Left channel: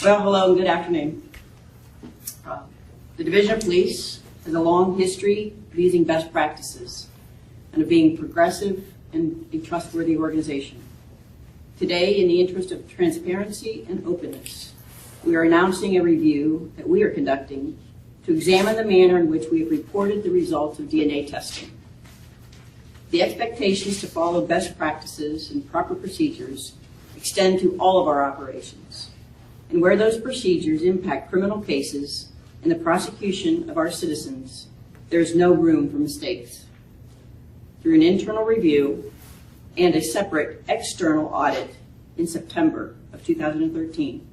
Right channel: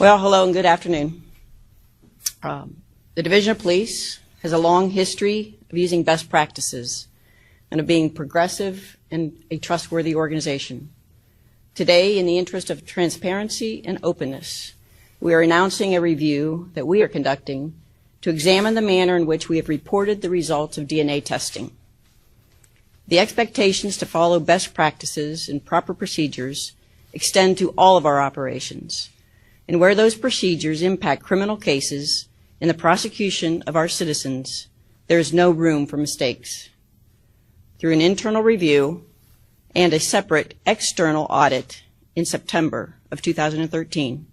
Well, hello and good afternoon. The Division of Police has a long history of using best practices and of being progressive and a trustworthy organization. Today, in the interest of transparency and openness, we are announcing a review that we are conducting to examine the manner in which we have reported the results of DNA testing. The expectations to follow best practices and proper procedures extend to all of our operations, and where those procedures impact criminal cases in the prosecution of our citizens, there is no room for mistakes. Through an internal review and a separate external audit in September of 2013,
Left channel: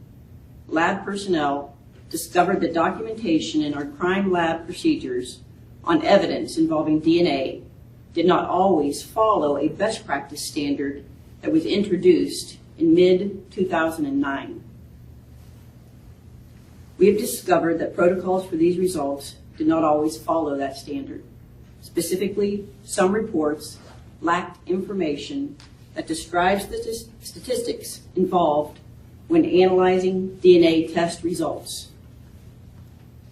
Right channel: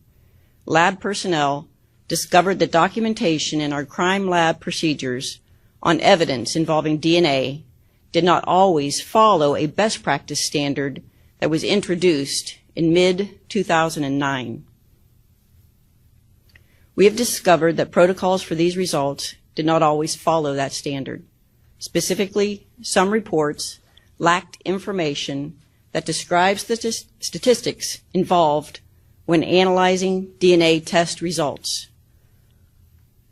lab personnel discovered that documentation in our crime lab procedures on evidence involving DNA did not always follow a best practice standard that was introduced in mid-2009. We have discovered that protocols for these results did not always follow that standard. Specifically, some reports lacked information that describes the statistics involved when analyzing DNA test results.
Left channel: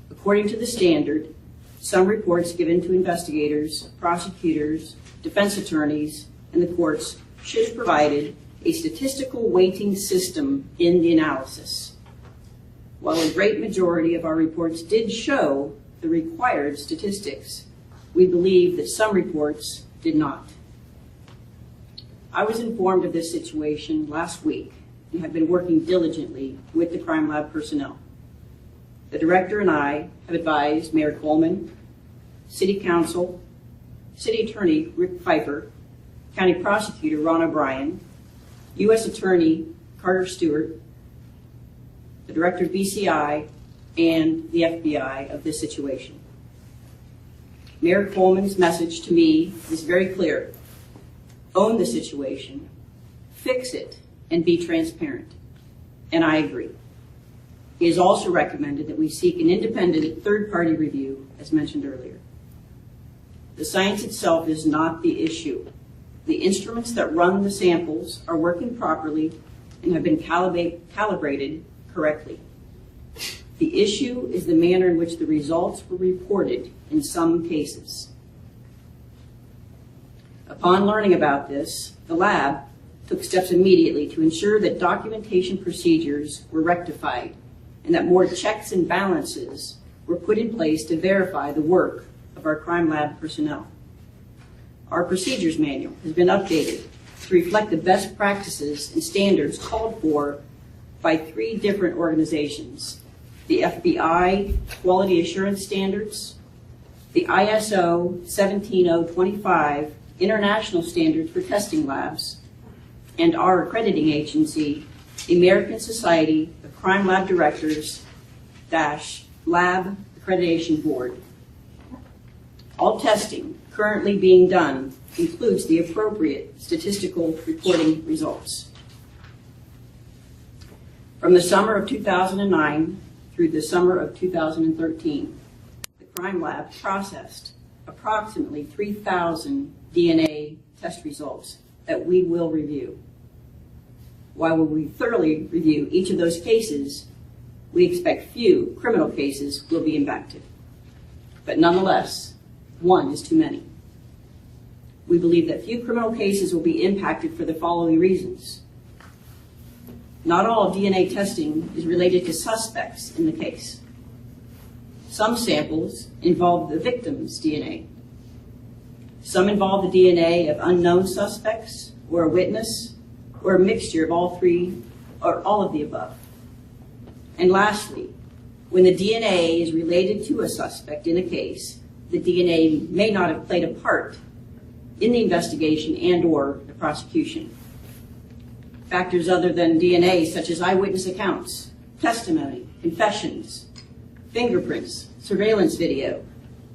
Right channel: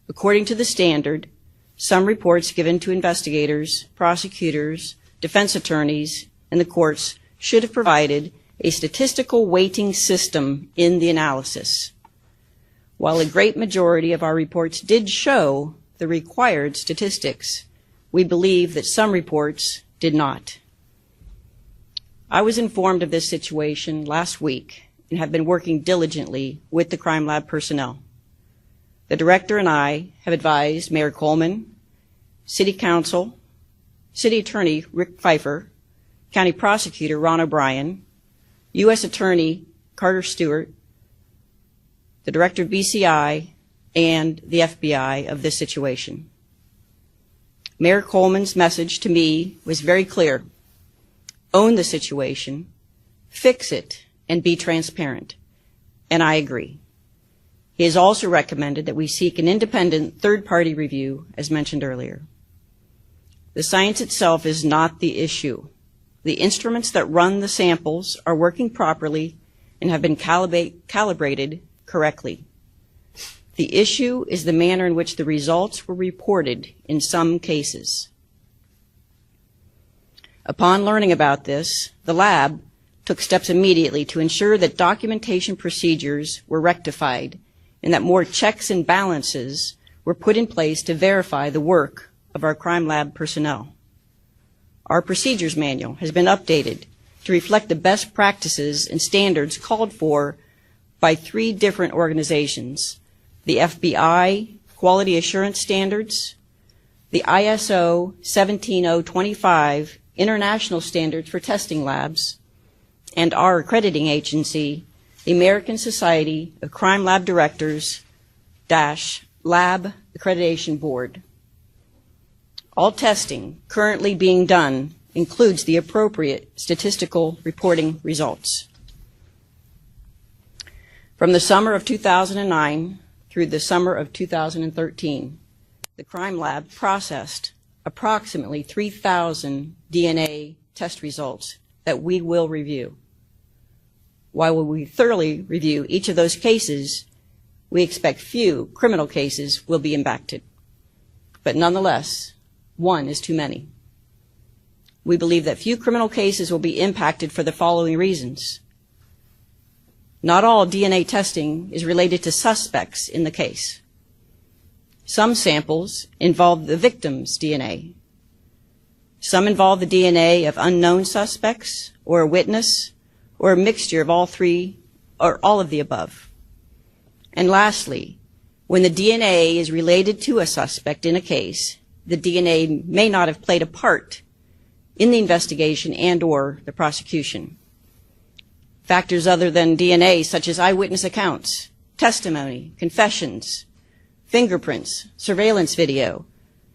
According to the standard, some reports given to investigators, prosecutors, defense attorneys, and the courts should have provided a statistical weighting system in the analysis. While a great majority of our reports did show the required statistics, we believe that some reports did not. I was informed of this situation last week and have been working diligently with the crime lab personnel. The director and I have advised Mayor Coleman, City Council, City Attorney Rick Pfeiffer, County Prosecutor Ron O'Brien, U.S. Attorney Carter Stewart, the Director of BCI, and the FBI of this situation. Mayor Coleman's message to me was very clear: own the situation, fix it, and be transparent. And I agree. He has also recommended that we seek an independent third-party review, as mentioned earlier. The science itself is not the issue. The instruments that run the samples are working properly and have been calibrated correctly. The issue is the manner in which the results were reported in some cases. Upon learning about this, the lab took steps immediately to ensure that documentation procedures were rectified and that more checks and balances were put in place to verify the work of our crime lab personnel. Our procedures manual has been updated to reflect the best practices and standards called for by 3 different organizations: the FBI Quality Assurance Standards, the ISO 17025 International Standards for Testing Labs, and our accrediting agency, the American Society of Crime Lab Directors - Lab Accreditation Board. All testing currently being done includes the appropriate statistical reporting results. From the summer of 2009 through the summer of 2013, the crime lab processed approximately 3,000 DNA test results that we will review. While we thoroughly review each of those cases, we expect few criminal cases will be impacted. But nonetheless, one is too many. We believe that few criminal cases will be impacted for the following reasons. Not all DNA testing is related to suspects in the case. Some samples involve the victim's DNA. Some involve the DNA of unknown suspects or a witness or a mixture of all 3 or all of the above. And lastly, when the DNA is related to a suspect in a case, the DNA may not have played a part in the investigation and or the prosecution. Factors other than DNA, such as eyewitness accounts, testimony, confessions, fingerprints, surveillance video,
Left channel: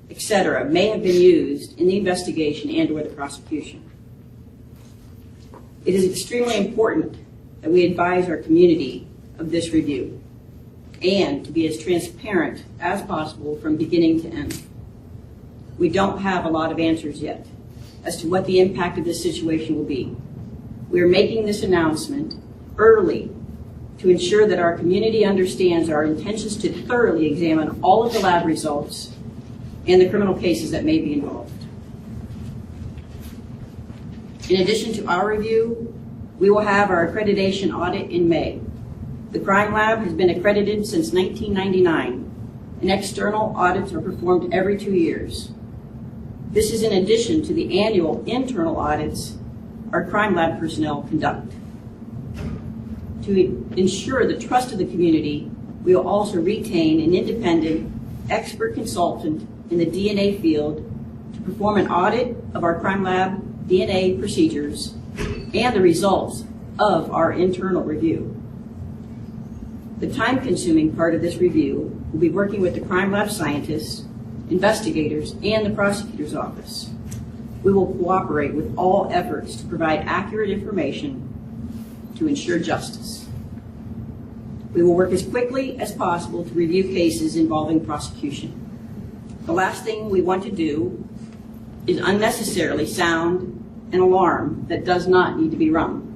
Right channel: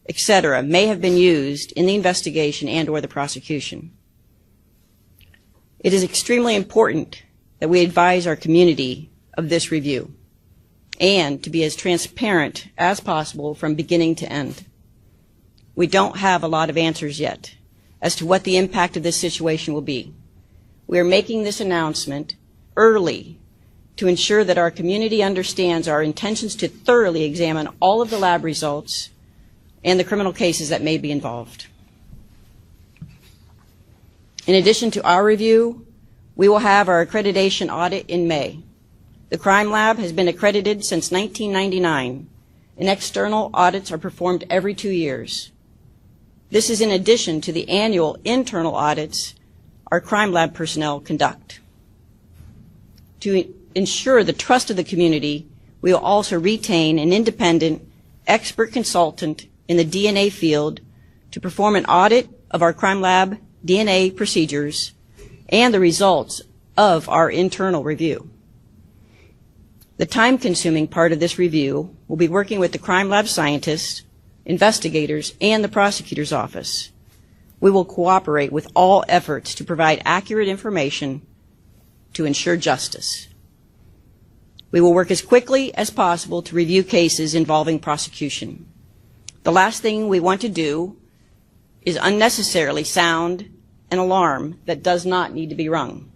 etc., may have been used in the investigation and or the prosecution. It is extremely important that we advise our community of this review and to be as transparent as possible from beginning to end. We don't have a lot of answers yet as to what the impact of this situation will be. We are making this announcement early to ensure that our community understands our intentions to thoroughly examine all of the lab results and the criminal cases that may be involved. In addition to our review, we will have our accreditation audit in May. The Crime Lab has been accredited since 1999, and external audits are performed every 2 years. This is in addition to the annual internal audits our Crime Lab personnel conduct. To ensure the trust of the community, we will also retain an independent expert consultant in the DNA field to perform an audit of our Crime Lab DNA procedures and the results of our internal review. The time-consuming part of this review will be working with the Crime Lab scientists, investigators, and the prosecutor's office. We will cooperate with all efforts to provide accurate information to ensure justice. We will work as quickly as possible to review cases involving prosecution. The last thing we want to do is unnecessarily sound an alarm that does not need to be rung.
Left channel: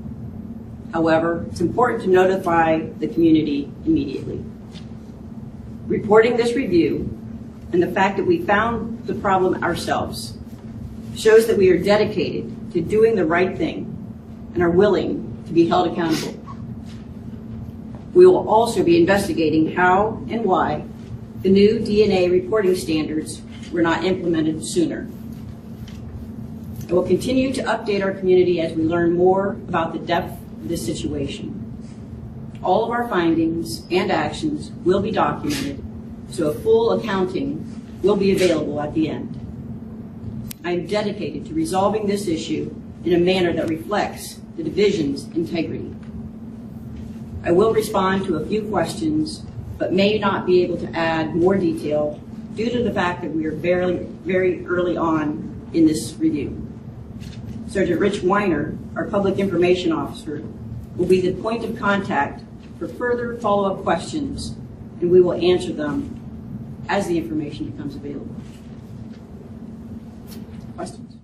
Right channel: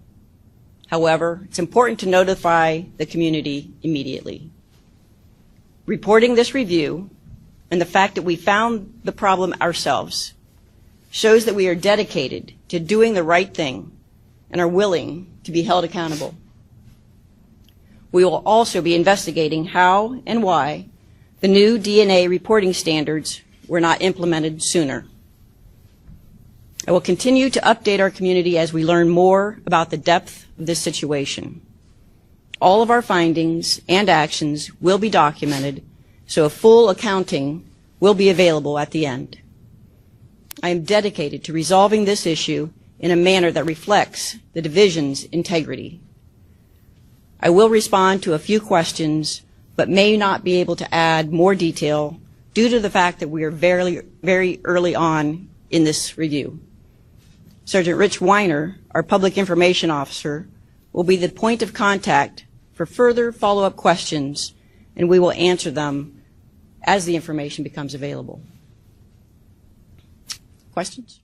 However, it's important to notify the community immediately. Reporting this review and the fact that we found the problem ourselves shows that we are dedicated to doing the right thing and are willing to be held accountable. We will also be investigating how and why the new DNA reporting standards were not implemented sooner. I will continue to update our community as we learn more about the depth of this situation. All of our findings and actions will be documented, so a full accounting will be available at the end. I am dedicated to resolving this issue in a manner that reflects the division's integrity. I will respond to a few questions, but may not be able to add more detail due to the fact that we are very early on in this review. Sergeant Rich Weiner, our Public Information Officer, will be the point of contact for further follow-up questions, and we will answer them as the information becomes available. Questions?